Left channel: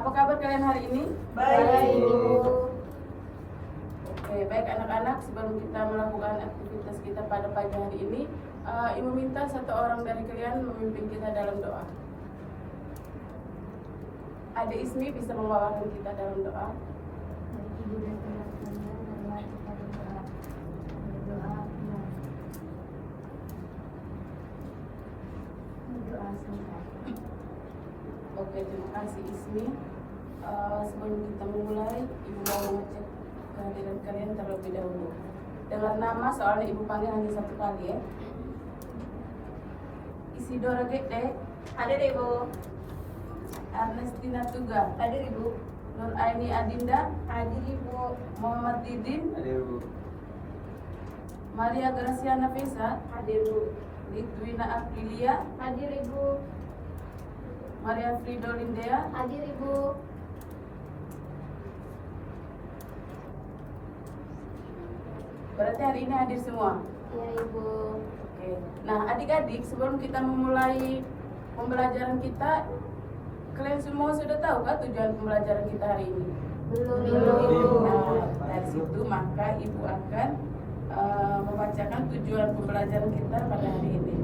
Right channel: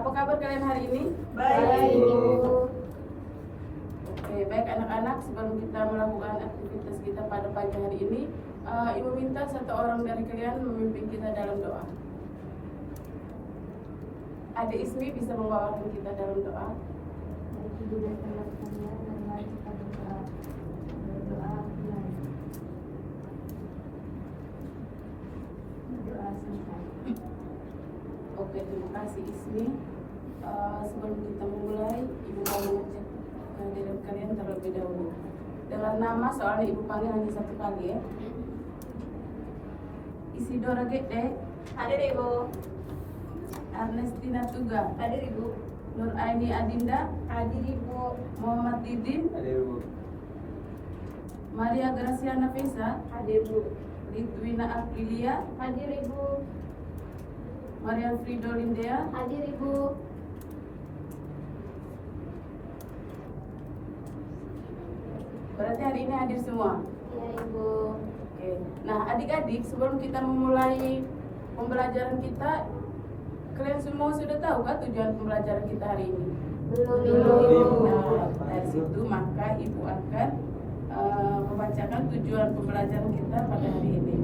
Apa kabar kalian hari ini? Baik, Ibu. Oke, baik anak-anak, sebelum kita melakukan aktivitas kita pada pagi hari ini, Ibu minta satu orang dari kalian memimpin kita dalam doa. Ada Ismi bisa membawakan kita dalam doa. Ibu dan teman-teman dan mari kita berdoa. Berdoa bulan. Berdoa singkat. Oke, terima kasih Ismi. Sebelum kita memulai, Ibu mau mengecek kehadiran kalian terlebih dahulu. Dengan nama soalnya Ibu panggil hanya satu kali ya. Isidora Gede, Hadir, Ibu. Ernestina Tuga, Hadir, Ibu. Nur Aini Adinda, Hadir, Ibu. Muhammad Didin, Hadir, Bu. Maria Gracia Nafisa, Hadir, Bu. Litwina Aprilia, Hadir, Ibu. Maria Frido Lindea, Hadir, Ibu. berarti hari ini hadir semua. Iya, Ibu. Oke. Nah, adik-adik, sebelum kita memulai pembelajaran kita, kalian semua sudah tahu kan tujuan pembelajaran kita hari ini? Belum, Belum, Ibu. Nah, dari situ maka Ibu akan membacakan tujuan pembelajaran kita pada hari ini,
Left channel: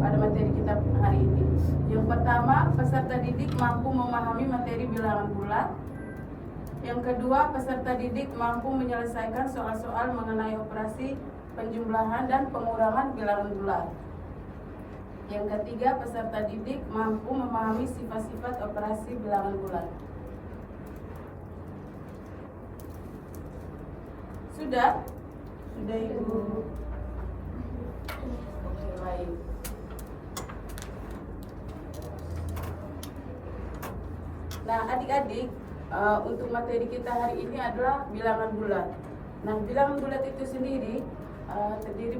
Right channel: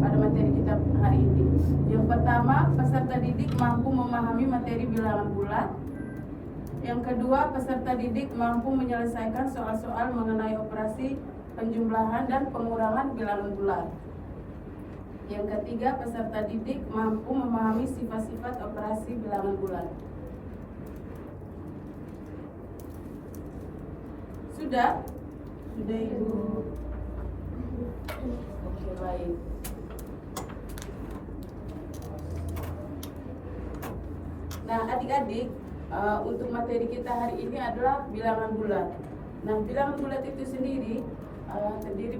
pada materi kita hari ini. Yang pertama, peserta didik mampu memahami materi bilangan bulat. Yang kedua, peserta didik mampu menyelesaikan soal-soal mengenai operasi penjumlahan dan pengurangan bilangan bulat. Yang ketiga, peserta didik mampu memahami sifat-sifat operasi bilangan bulat. Sudah? Sudah, Ibu. Oke, baik. Nah, adik-adik, untuk materi kita hari ini adalah bilangan bulat. Nah, bilangan bulat itu sendiri terdiri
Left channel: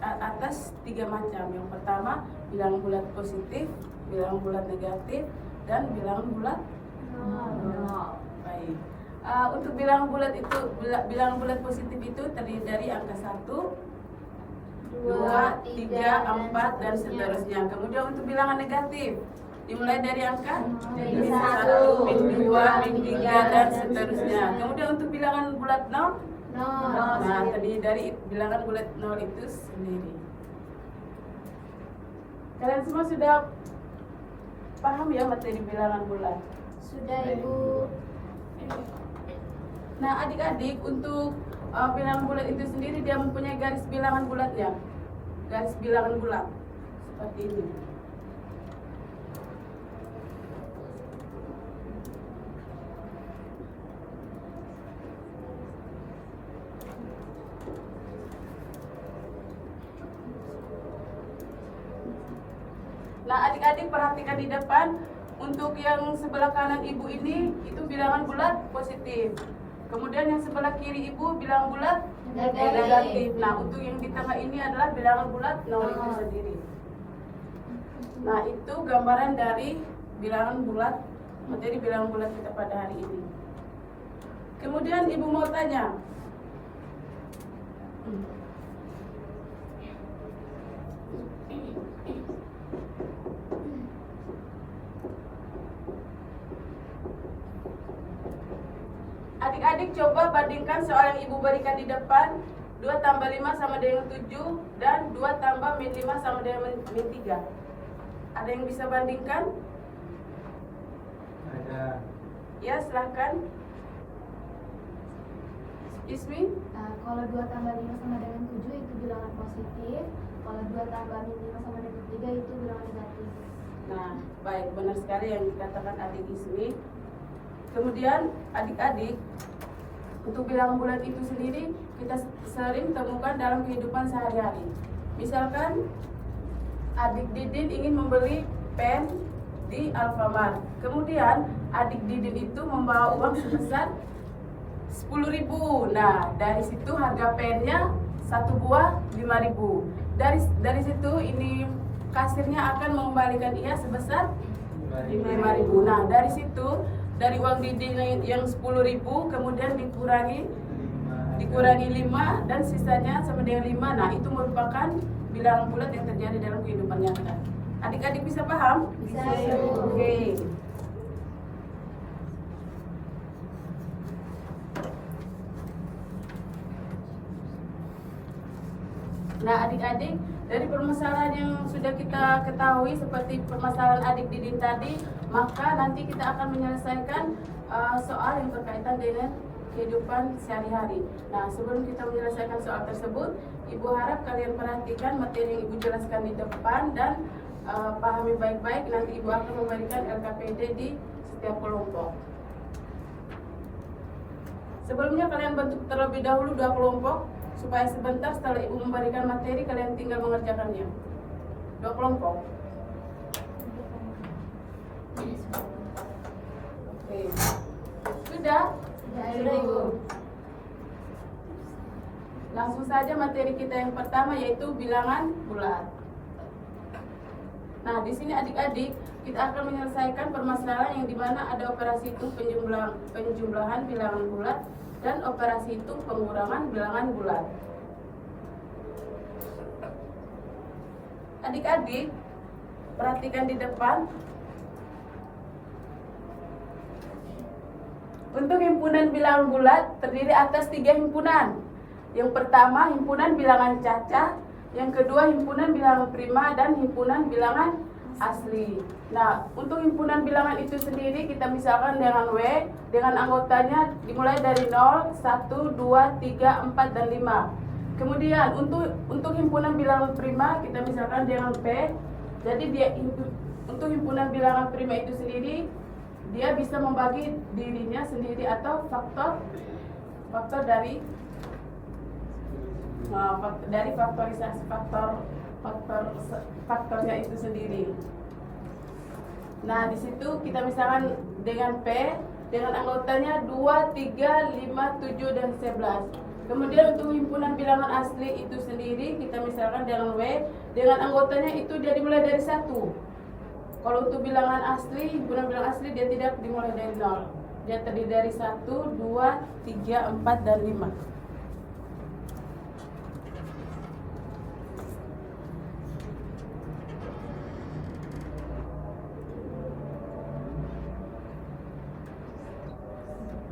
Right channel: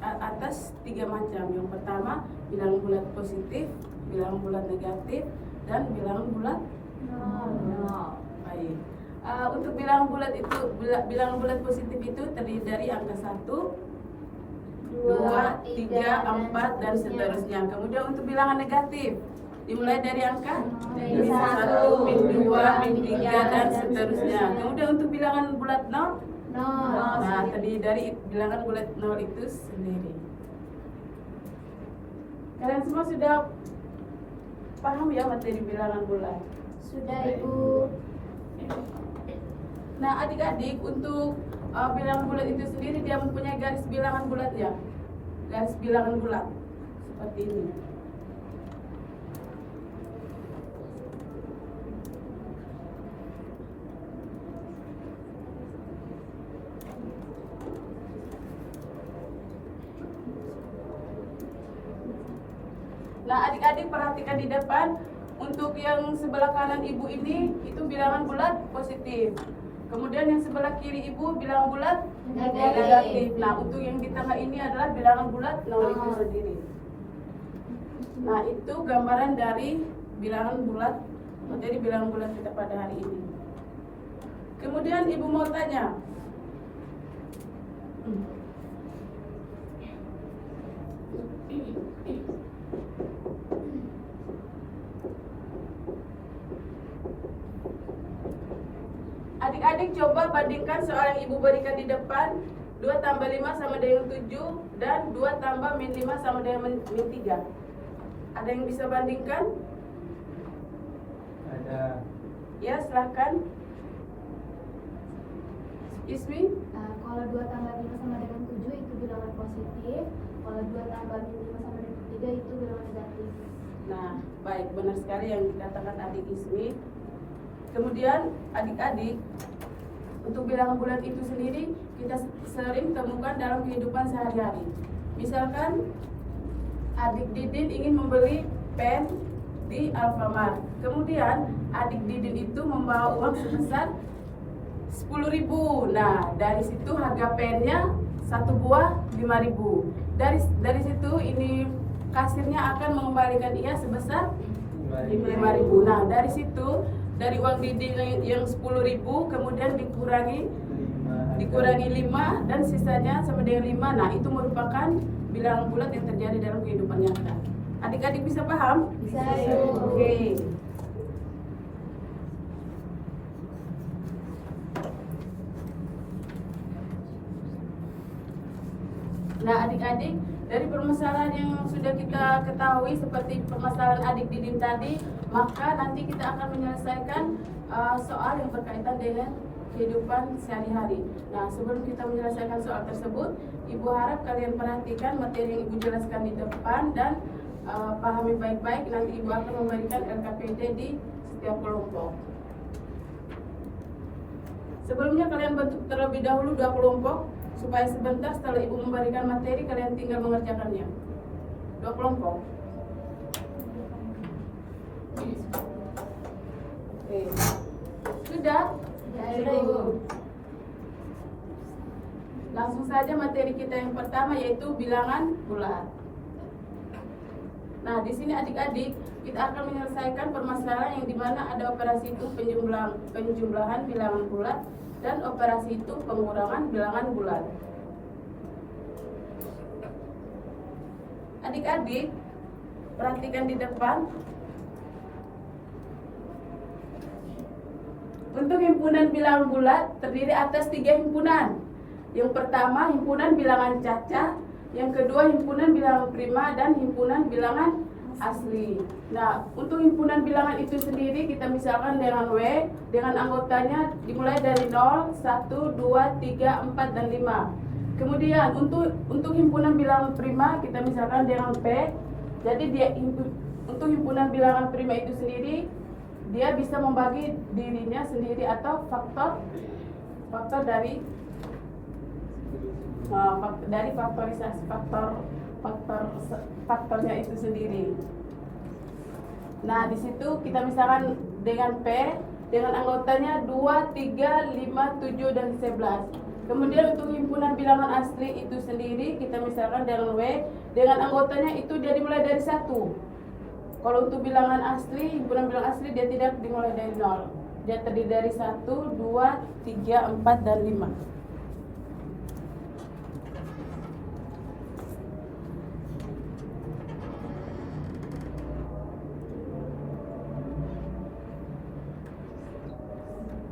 atas 3 macam. Yang pertama, bilangan bulat positif, bilangan bulat negatif, dan bilangan bulat Nol. baik. Untuk bilangan bulat itu, bilangan bulat positif itu terdiri dari angka 1, 2, 3, 4, dan seterusnya. Kemudian untuk bilangan negatif dimulai dari angka Dari 1, min 2, min 3, dan dan seterusnya. Kemudian untuk bilangan bulat 0, Nol. nah terdiri dari bilangan bulat 0 itu sendiri. Kalian semua sudah paham ya materi bilangan bulat? Sudah, Ibu. Nah, adik-adik, untuk bilangan bulat itu sendiri dia mempunyai garis bilangan bulatnya. Garis bilangan bulat seperti ini. Nah, adik-adik perhatikan di depan. Untuk yang sebelah kanan ibu ini itu bilangan bulat positif. Kemudian yang sebelah kiri ibu bilangan bulat negatif. Nah, untuk yang di tengah ini adalah bilangan bulat nol itu sendiri. Nah, itu gambaran dari bilangan bulat, materi bilangan bulat kita pada hari ini. Kemudian ibu mau tanya, adik-adik coba bandingkan soal yang ibu berikan di depan. 2 tambah 5 sama dengan 7 dan 2 tambah min 5 sama dengan min 3. Ada yang bisa bandingkan? Ada. Ya, silakan. Ismi? Kalau 2 tambah 5 sama dengan 7 itu bilangan positif. Kalau 2 tambah min 5 sama dengan 3 itu bilangan negatif. Nah, baik, benar sekali yang dikatakan adik Ismi. Kemudian adik-adik, untuk bilangan bulat itu sendiri kita sering temukan dalam kehidupan sehari-hari. Misalkan adik Didin ingin membeli pen di Alfamart. Kemudian adik Didin itu membawa uang sebesar 10.000. Nah, dari situ harga pennya 1 buah 5.000. Dari situ ini kasirnya akan mengembalikan ia sebesar 5.000. Nah, dari situ dari uang Didin yang 10.000 kemudian dikurangi 5 dan sisanya sama dengan 5. Nah, itu merupakan bilangan bulat yang terjadi dalam kehidupan nyata. Adik-adik bisa paham? Bisa, Ibu. Oke. Nah, adik-adik, dari permasalahan yang sudah kita ketahui seperti permasalahan adik Didin tadi, maka nanti kita akan menyelesaikan soal yang berkaitan dengan kehidupan sehari-hari. Nah, sebelum kita menyelesaikan soal tersebut, Ibu harap kalian perhatikan materi yang Ibu jelaskan di depan dan pahami baik-baik. Nanti Ibu akan memberikan LKPD di setiap kelompok. Sebelumnya kalian bentuk terlebih dahulu 2 kelompok, supaya sebentar setelah Ibu memberikan materi kalian tinggal mengerjakannya. 2 kelompok. Oke. Sudah? Sudah Ibu. Langsung saja materi kita yang pertama yaitu bilangan bulat. Nah, di sini adik-adik kita akan menyelesaikan permasalahan yang dimana ada operasi hitung penjumlahan bilangan bulat dan operasi hitung pengurangan bilangan bulat. Adik-adik, perhatikan di depan. Untuk himpunan bilangan bulat terdiri atas 3 himpunan. Yang pertama himpunan bilangan cacah, yang kedua himpunan bilangan prima, dan himpunan bilangan asli. Nah, untuk himpunan bilangan itu sendiri kita misalkan dengan W, dengan anggotanya dimulai dari 0, 1, 2, 3, 4, dan 5. Kemudian untuk himpunan bilangan prima kita misalkan dengan P. Jadi untuk himpunan bilangan prima itu sendiri dia bisa membagi dirinya sendiri atau faktor dari faktorisasi faktornya itu sendiri. Nah, di situ kita misalkan dengan P dengan anggotanya 2, 3, 5, 7, dan 11. Kemudian untuk himpunan bilangan asli itu sendiri kita misalkan dengan W dengan anggotanya itu dia dimulai dari 1. Kalau untuk bilangan asli, himpunan bilangan asli dia tidak dimulai dari 0. Dia terdiri dari 1, 2, 3, 4, dan 5.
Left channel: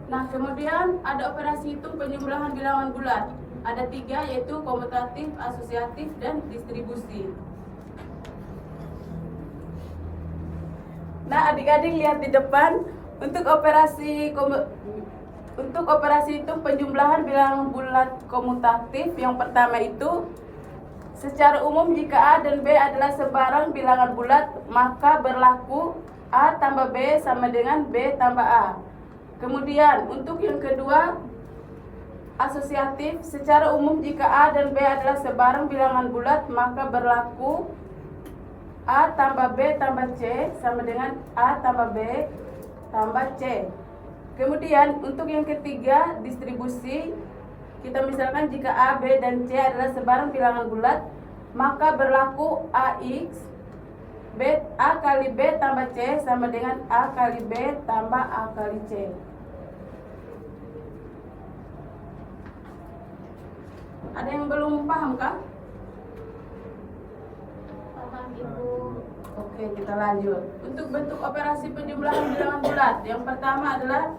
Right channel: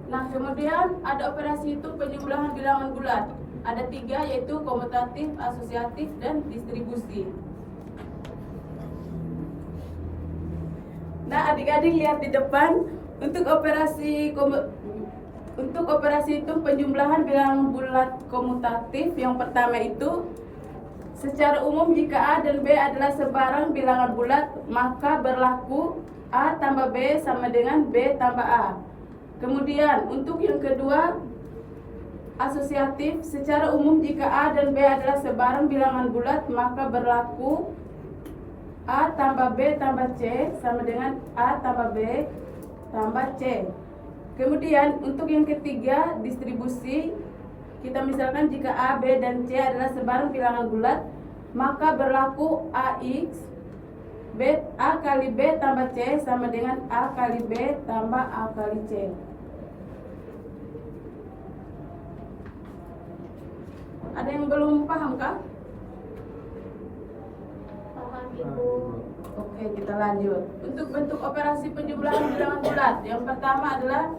Nah, kemudian ada operasi hitung penjumlahan bilangan bulat. Ada 3 yaitu komutatif, asosiatif, dan distribusi. Nah, adik-adik lihat di depan untuk operasi hitung penjumlahan bilangan bulat komutatif yang pertama itu secara umum jika A dan B adalah sebarang bilangan bulat maka berlaku A tambah B sama dengan B tambah A. Kemudian untuk yang kedua asosiatif secara umum jika A dan B adalah sebarang bilangan bulat maka berlaku A tambah B tambah C sama dengan A tambah B tambah C. Kemudian untuk yang ketiga distribusi kita misalkan jika A, B, dan C adalah sebarang bilangan bulat maka berlaku AX A kali B tambah C sama dengan A kali B tambah A kali C. Ada yang belum paham kah? Ibu. Oke, kita lanjut. Untuk bentuk operasi penjumlahan bilangan bulat, yang pertama adalah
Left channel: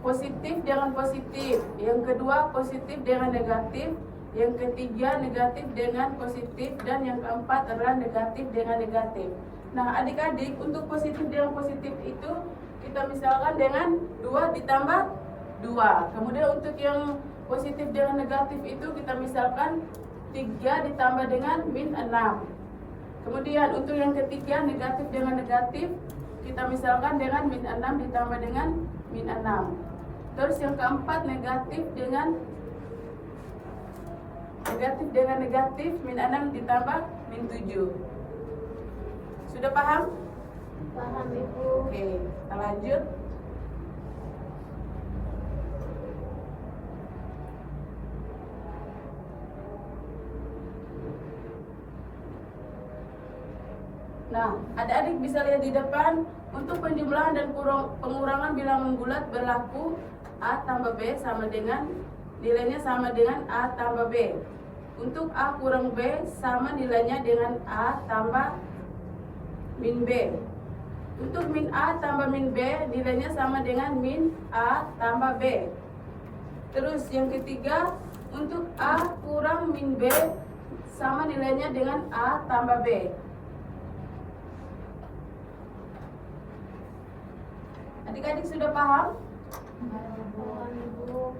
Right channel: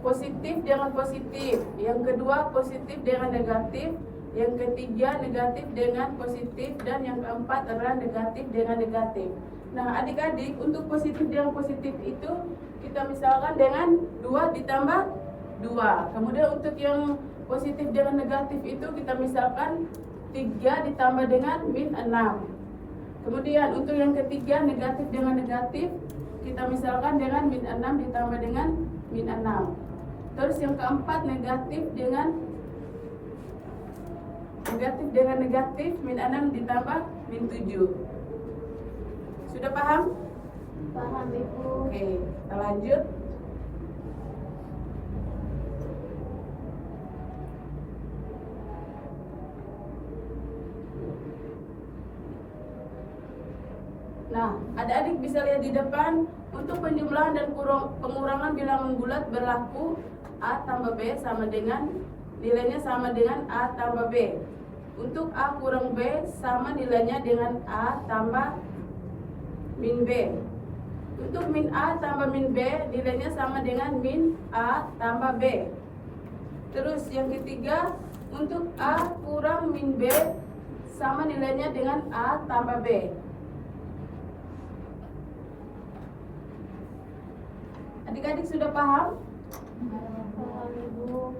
positif dengan positif, yang kedua positif dengan negatif, yang ketiga negatif dengan positif, dan yang keempat adalah negatif dengan negatif. Nah, adik-adik, untuk positif dengan positif itu kita misalkan dengan 2 ditambah 2. Kemudian untuk yang positif dengan negatif itu kita misalkan 3 ditambah dengan min 6. Kemudian untuk yang ketiga negatif dengan negatif kita misalkan dengan min 6 ditambah dengan min 6. Terus yang keempat negatif dengan negatif min 6 ditambah min 7. Sudah paham? Paham Ibu. Oke, kita lanjut. Nah, adik-adik bisa lihat di depan untuk penjumlahan dan pengurangan bilangan bulat berlaku A tambah B sama dengan nilainya sama dengan A tambah B. Untuk A kurang B sama nilainya dengan A tambah min B. Untuk min A tambah min B nilainya sama dengan min A tambah B. Terus yang ketiga untuk A kurang min B sama nilainya dengan A tambah B. Adik-adik sudah paham? Paham, Ibu.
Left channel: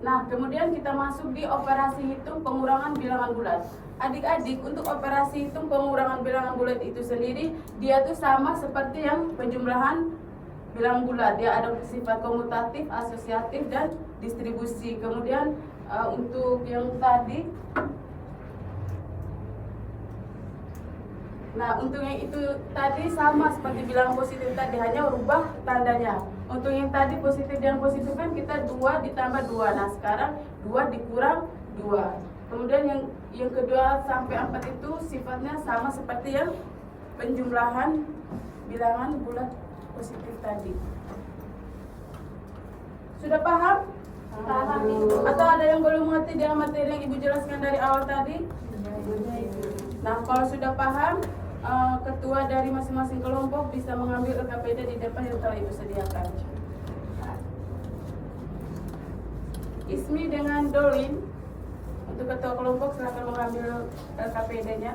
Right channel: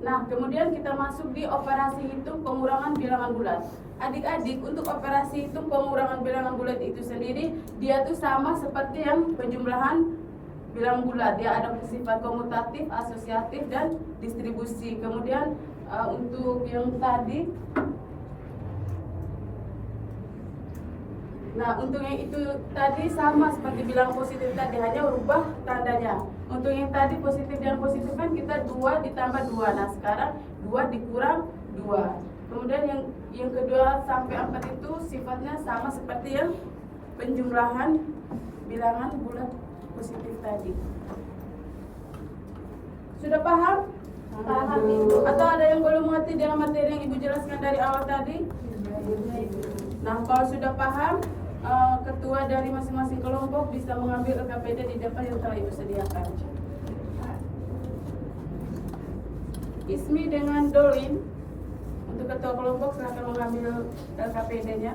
Nah, kemudian kita masuk di operasi hitung pengurangan bilangan bulat. Adik-adik, untuk operasi hitung pengurangan bilangan bulat itu sendiri, dia tuh sama seperti yang penjumlahan bilangan bulat. Dia ada sifat komutatif, asosiatif, dan distribusi. Kemudian untuk yang tadi, nah untuk yang itu tadi sama seperti bilangan positif tadi, hanya rubah tandanya. Untuk yang tadi positif dan positif kan kita 2 ditambah 2. Nah sekarang 2 dikurang 2. Kemudian yang kedua sampai 4 itu sifatnya sama seperti yang penjumlahan bilangan bulat positif tadi. Sudah paham? Paham, Ibu. Atau ada yang belum mengerti dengan materi yang Ibu jelaskan dari awal tadi? Nah kalau sudah paham, ketua dari masing-masing kelompok bisa mengambil LKPD di depan yang telah Ibu sediakan. Ismi dengan Dolin, untuk ketua kelompok silakan mengambil LKPD-nya.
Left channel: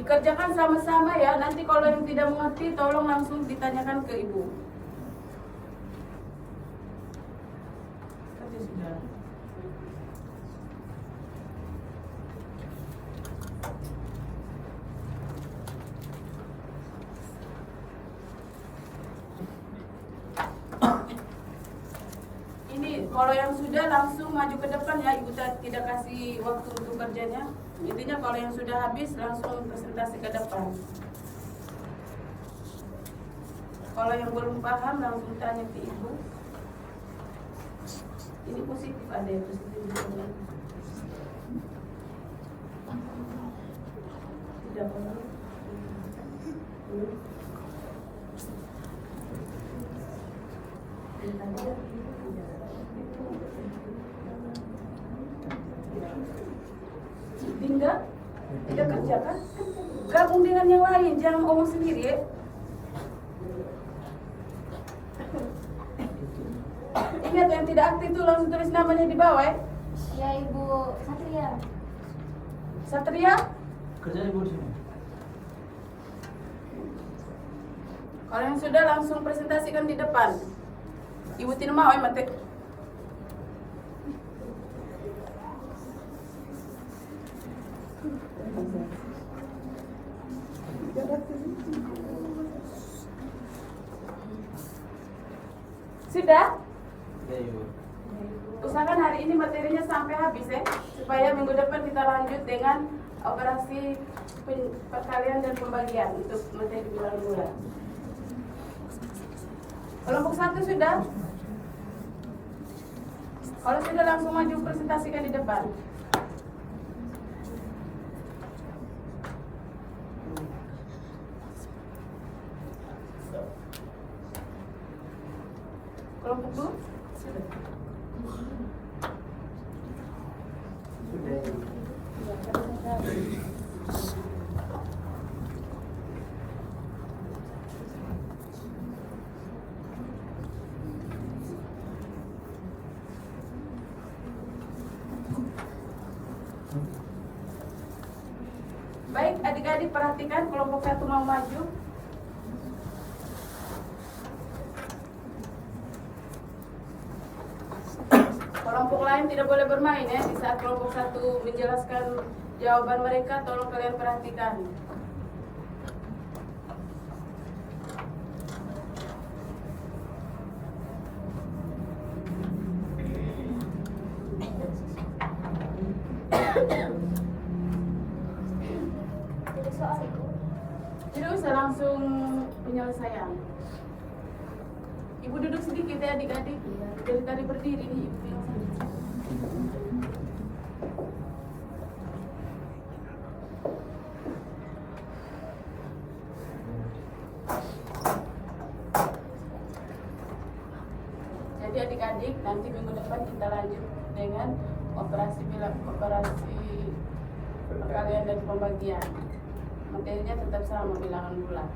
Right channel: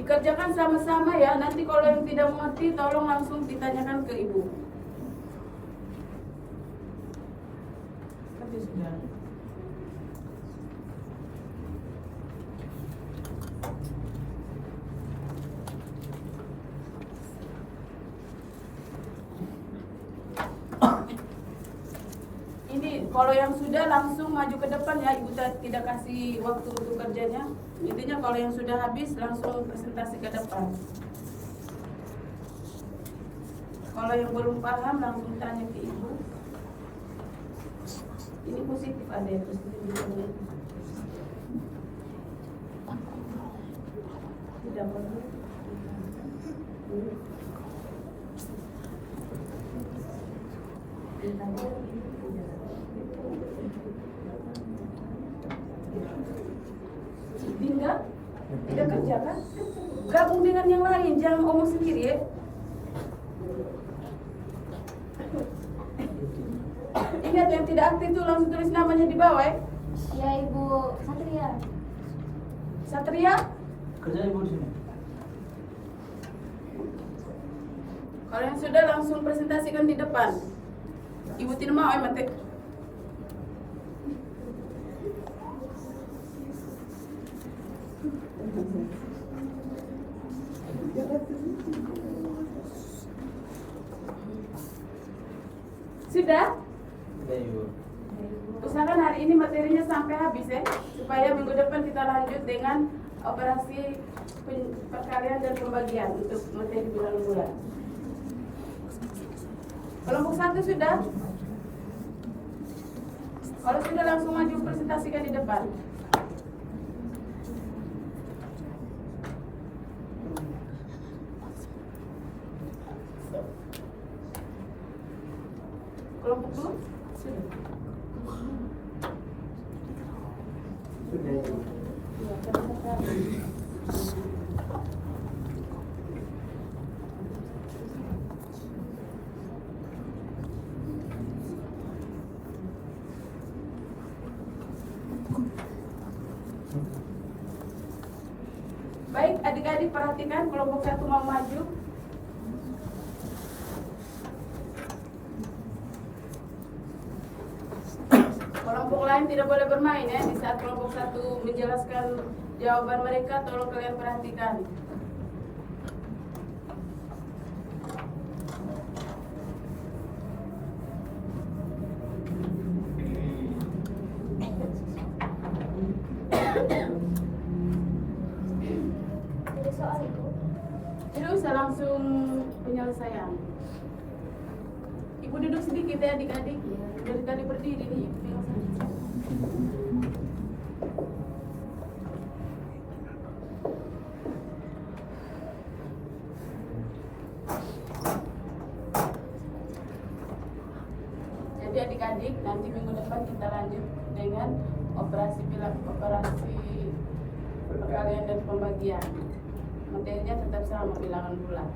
Dikerjakan sama-sama ya, nanti kalau yang tidak mengerti tolong langsung ditanyakan ke Ibu. Ini kalau yang sudah langsung maju ke depan ya, Ibu tidak kasih waktu untuk kerjanya. Intinya kalau yang sudah habis langsung presentasi ke depan. Kalau yang belum paham langsung tanya ke Ibu. Ini positif, ada yang positif di sini. Tidak perlu. Tidak kerjakan, gabung dengan yang lain, jangan ngomong sendiri ya. Ingat yang tidak aktif itu langsung tulis namanya di bawah ya. Ya, Ibu. Satria. Satria, Kerja Ibu di sini. kalau yang sudah langsung presentasikan di depan. Ibu tidak mau ya mate. Sudah? Sudah Ibu. Usahakan hari ini materinya sampai habis ya, supaya minggu depan kita lanjut dengan operasi perkalian dan pembagian untuk materi bilangan bulat. Kelompok 1 sudah? Kalau sudah langsung maju presentasikan di depan. Kelompok 2? Sudah. Sudah Ibu. Baik, adik-adik perhatikan kelompok 1 mau maju. Kelompok lain tidak boleh bermain ya. Di saat kelompok 1 menjelaskan jawaban mereka, tolong kalian perhatikan. Jadi soal itu. Tidak usah langsung penyelesaian. Ibu duduk sedikit ya adik-adik. Dari tadi berdiri nih. Jadi adik-adik nanti minggu depan kita lanjut dengan operasi perkalian dan pembagian. Materinya tetap sama, bilangan bulan.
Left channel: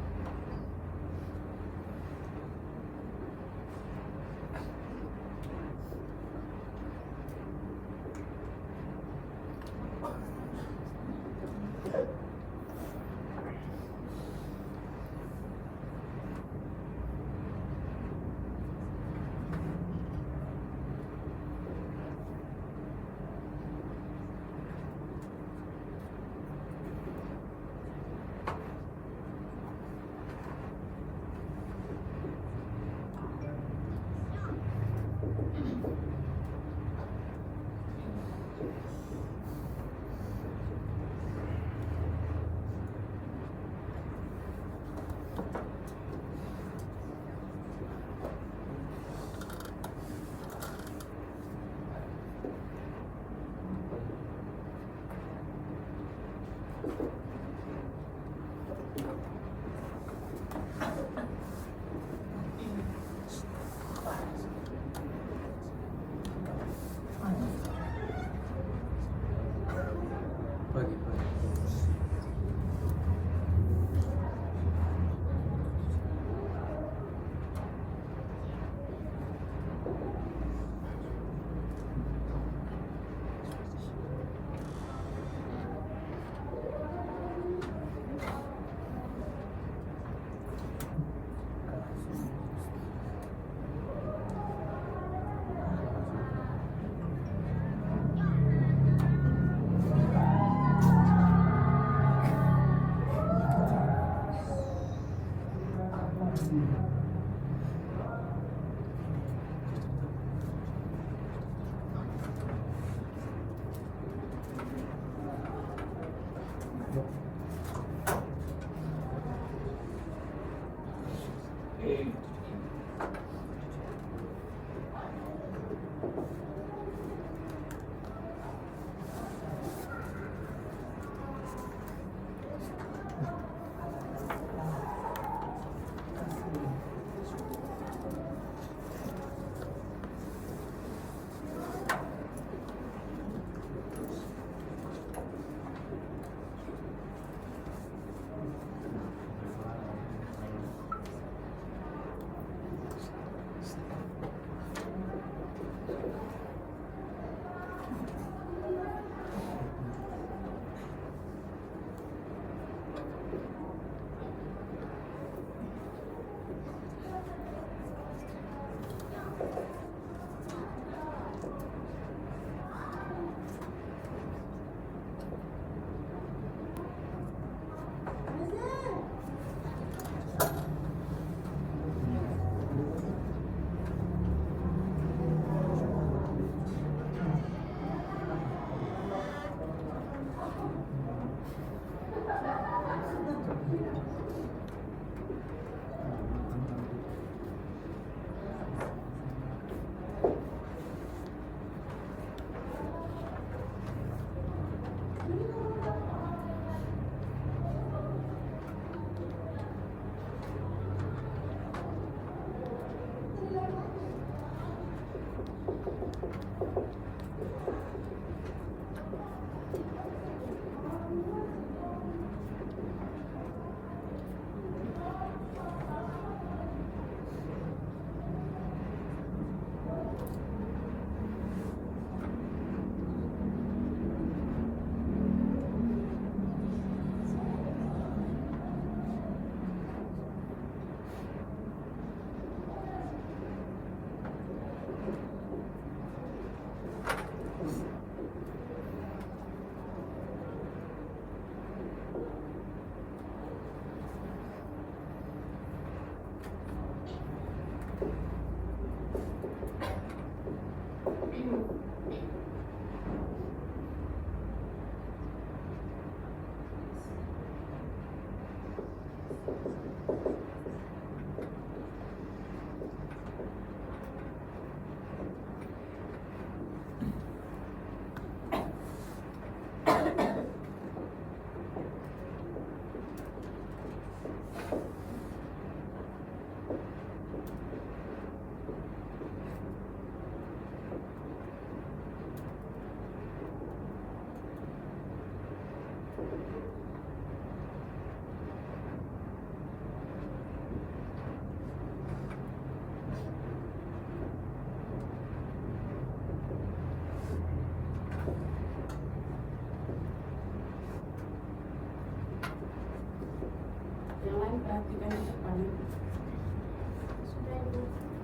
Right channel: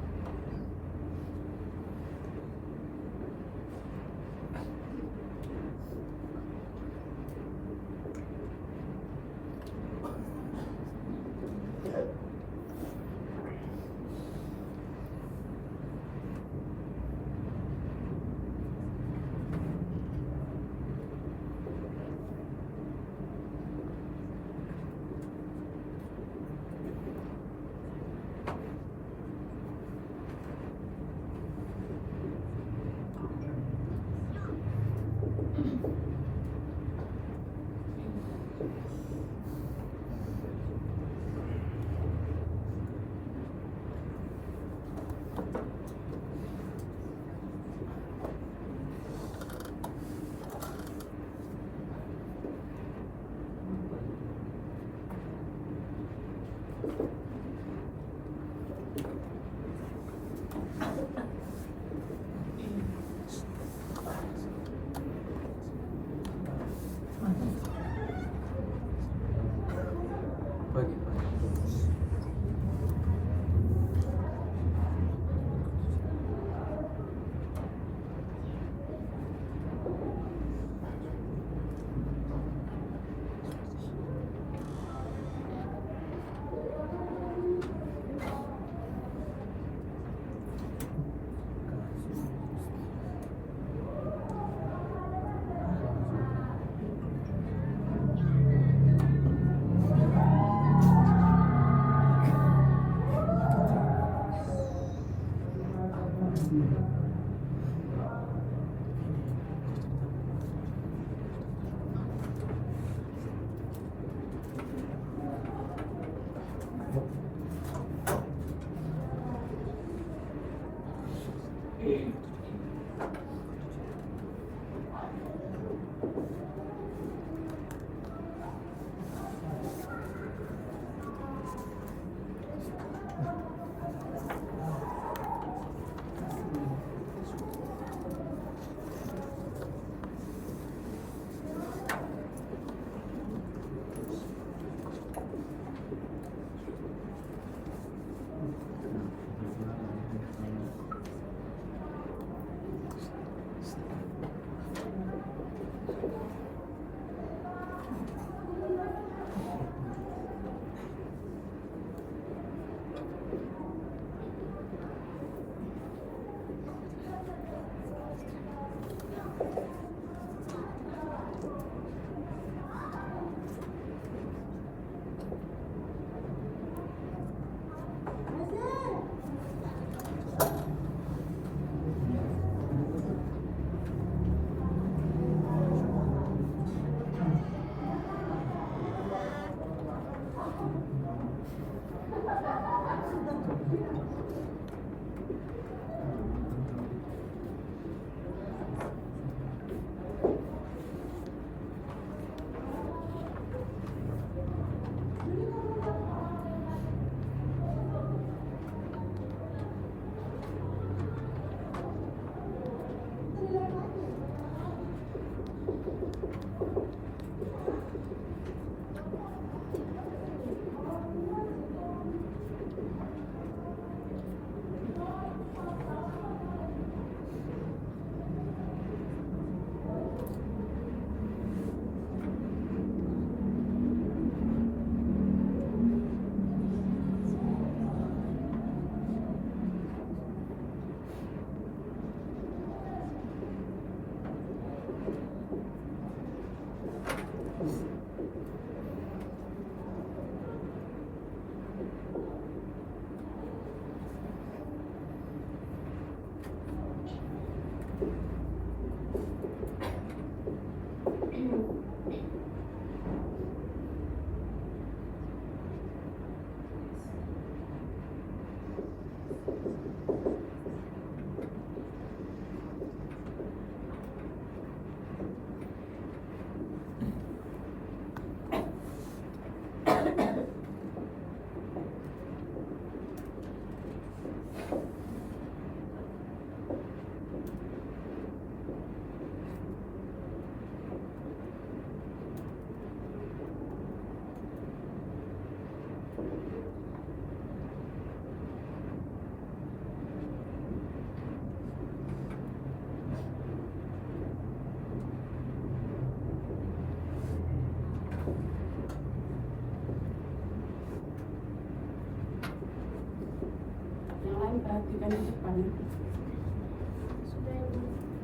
Sudah Ibu.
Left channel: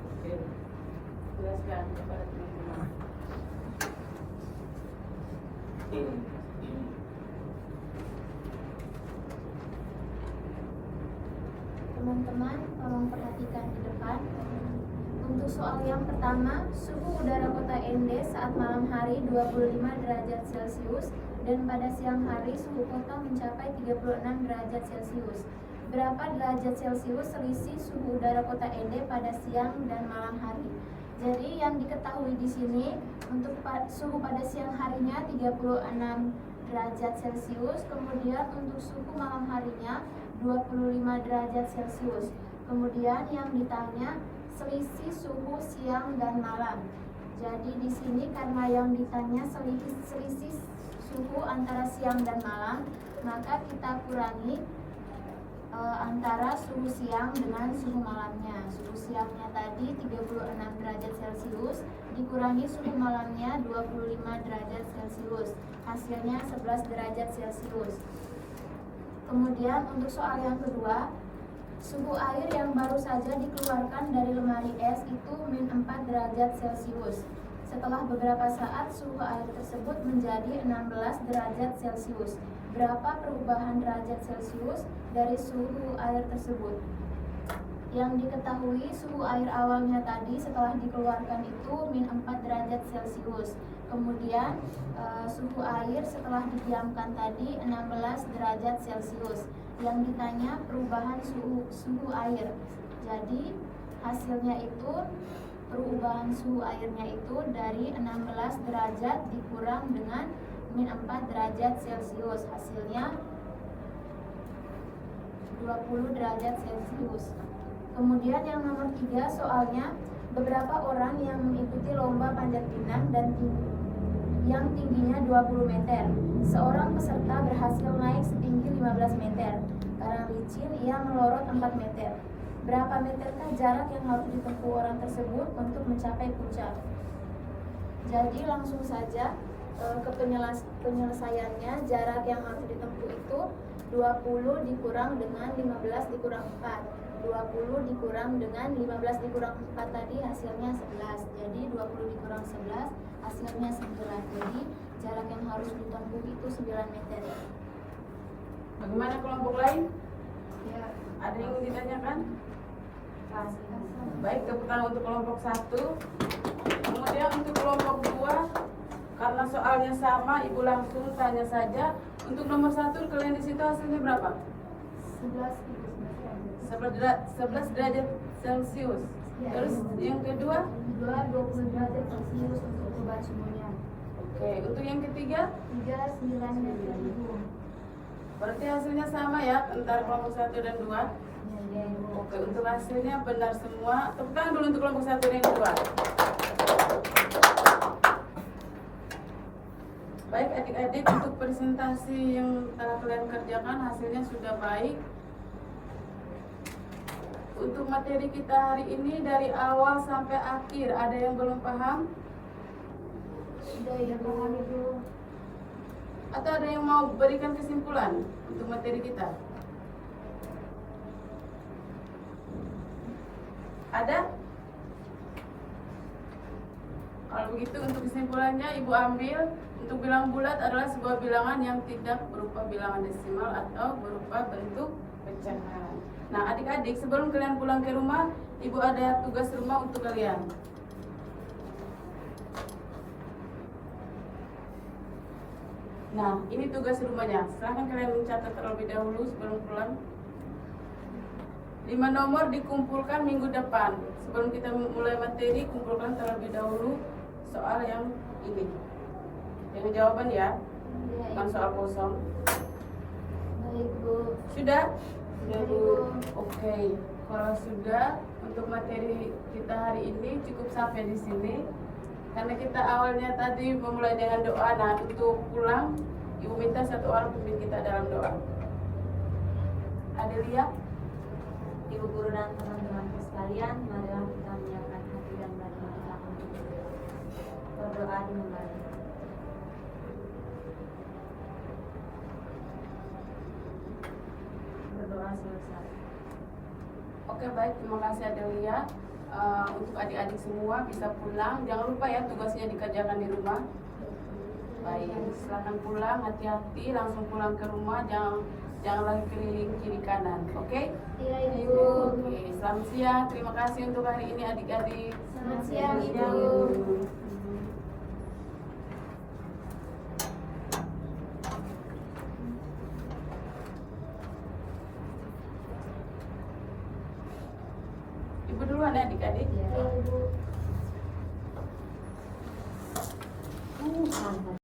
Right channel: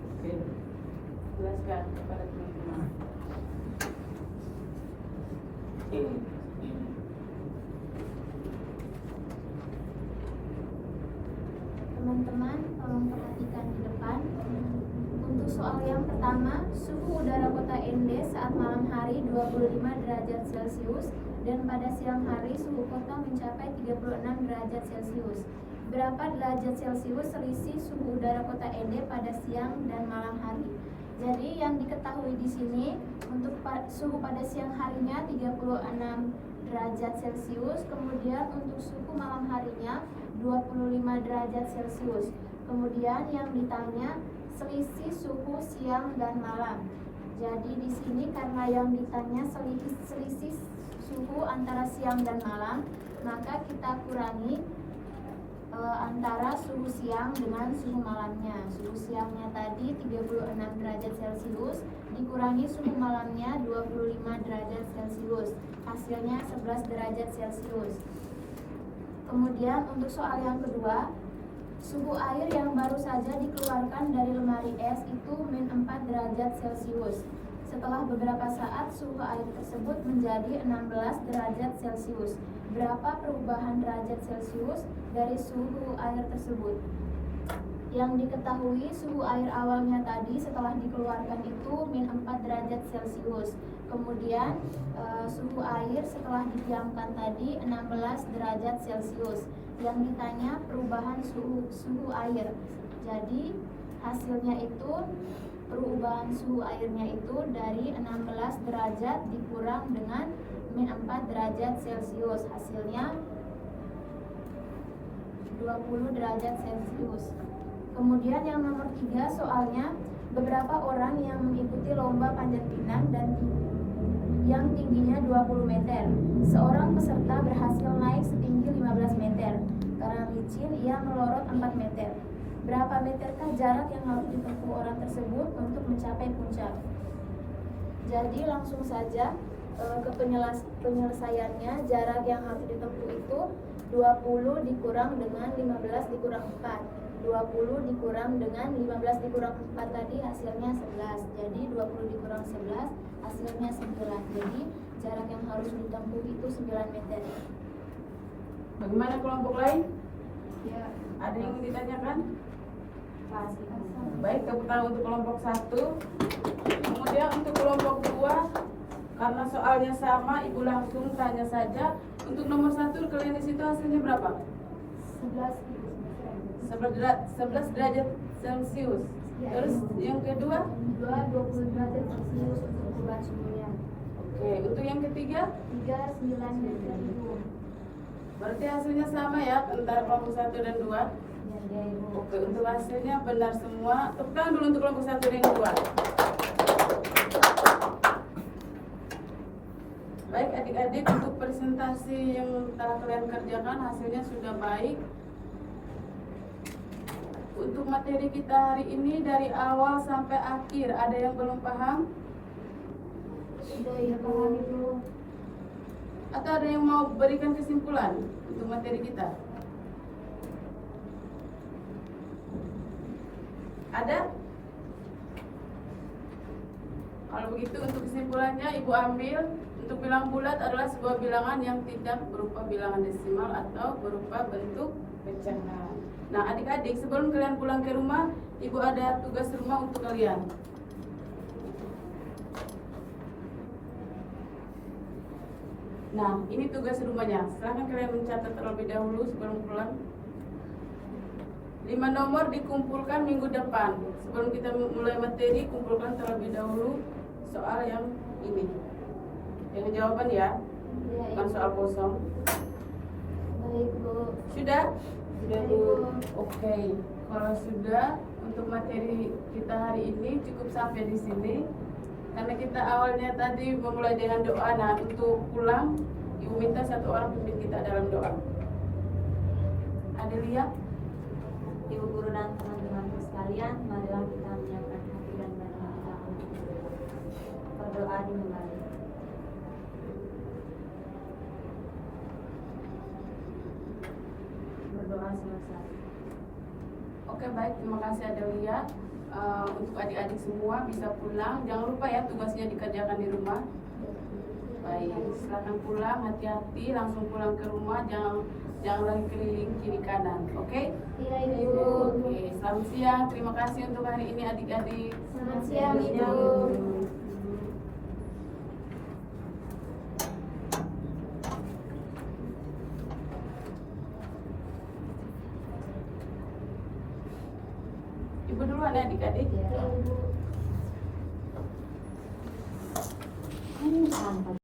Oke. Jelaskan kepada teman-teman. Teman-teman, tolong perhatikan di depan. Untuk soal yang pertama, suhu udara kota Ende saat malam hari 25 derajat Celcius dan pada siang hari suhu kota mencapai 36 derajat Celcius. Berapa derajat Celcius selisih suhu udara kota Ende pada siang dan malam hari? Jadi yang diketahui di sini untuk suhu pada siang harinya 36 derajat Celcius, kemudian untuk suhu malam harinya 25 derajat Celcius. Kemudian yang ditanya selisih suhu siang dan malam. Jadi di sini karena yang ditanya selisih suhu antara siang dan malam, maka kita kurangi antara suhu siang dengan suhu malamnya. Suhu siangnya tadi 36 derajat Celcius dikurangi suhu malamnya 25 derajat Celcius. Hasilnya 11 derajat Celcius. Kemudian untuk soal yang kedua, suhu air yang baru saja dikeluarkan dari lemari es itu min 4 derajat Celcius. Setelah beberapa saat suhu air tersebut menjadi 16 derajat Celcius. Berapa perubahan derajat Celcius dari suhu air tersebut? Yang diketahui suhu air awalnya tadi setelah dikeluarkan itu min 4 derajat Celcius. Kemudian suhu air setelah didiamkan tadi 16 derajat Celcius. Yang ditanya perubahan suhu air. Jadi hasilnya itu perubahan suhu airnya itu dari 16 derajat dikurang dengan min 4 derajat Celcius. Hasilnya 20 derajat Celcius. Kemudian yang nomor 3 soalnya, beberapa orang yang mengikuti lomba panjat pinang dan yang tingginya 20 meter. Seorang peserta berhasil naik setinggi 15 meter. Karena licin, ia melorot 4 meter. Berapa meterkah jarak yang harus ditempuh orang tersebut untuk mencapai puncak? Jadi langsung saja ke penyelesaiannya. Jarak yang harus ditempuh itu 20 dikurang dengan 15 dikurang 4. 20 dikurang dengan 15 dikurang 4 tadi hasilnya 11. Jadi 20 dikurang 11 hasilnya 9. Jadi jarak yang harus ditempuh itu 9 meter. Bagaimana kelompok lain? Ya, Ada yang ditanyakan? pasti. Baik, tepuk tangan untuk kelompok 1. Kemudian untuk kelompok 2, karena soalnya sama, Ibu langsung tanya saja. Untuk nomor 1 kalian di situ hasilnya berapa? 11 derajat Celcius. Terus yang kedua? 20 derajat Celcius untuk perubahan suhunya. Oke, untuk yang ketiga? 39 meter Ibu. Berarti hasilnya sama ya antara kelompok 1 dan 2. Ya, Ibu. Oke, untuk hasilnya benar semua. Tepuk tangan dulu untuk kelompok 1 dan 2. Baik adik-adik, untuk presentasi yang telah kalian kerjakan hasilnya sudah baik. Untuk materi kita hari ini dari awal sampai akhir, ada yang belum paham? Sudah Ibu. Atau ada yang mau berikan kesimpulan untuk materi kita? Ada? Kalau begitu untuk kesimpulannya Ibu ambil, untuk bilang bulat adalah sebuah bilangan yang tidak berupa bilangan desimal atau berupa bentuk pecahan. Nah adik-adik, sebelum kalian pulang ke rumah, Ibu ada tugas rumah untuk kalian. Nah ini tugas rumahnya, silahkan kalian mencatat terlebih dahulu sebelum pulang. 5 nomor dikumpulkan minggu depan. Sebelum kita mulai materi, kumpulkan terlebih dahulu soal yang ini. Yang jawaban ya, bukan soal kosong. Baik Bu. Sudah? Sudah Bu. Oke, kalau sudah, untuk materi kita hari ini cukup sampai di sini. Karena kita awalnya tadi memulai dengan doa. Nah, untuk pulang, Ibu minta satu orang pimpin kita dalam doa. Adelia? Ibu guru dan teman-teman sekalian, marilah kita menyiapkan hati dan batin kita untuk berdoa dimulai. Berdoa selesai. Oke, baik, terima kasih Adelia. Untuk adik-adik semua bisa pulang. Jangan lupa ya tugasnya dikerjakan di rumah. Baik, silakan pulang, hati-hati, langsung pulang ke rumah, jangan lagi keliling kiri kanan, oke? Iya Ibu. Oke, selamat siang. Terima kasih untuk hari ini adik-adik. Selamat siang Ibu. Ibu duluan ya adik-adik. Iya Ibu. Mantap.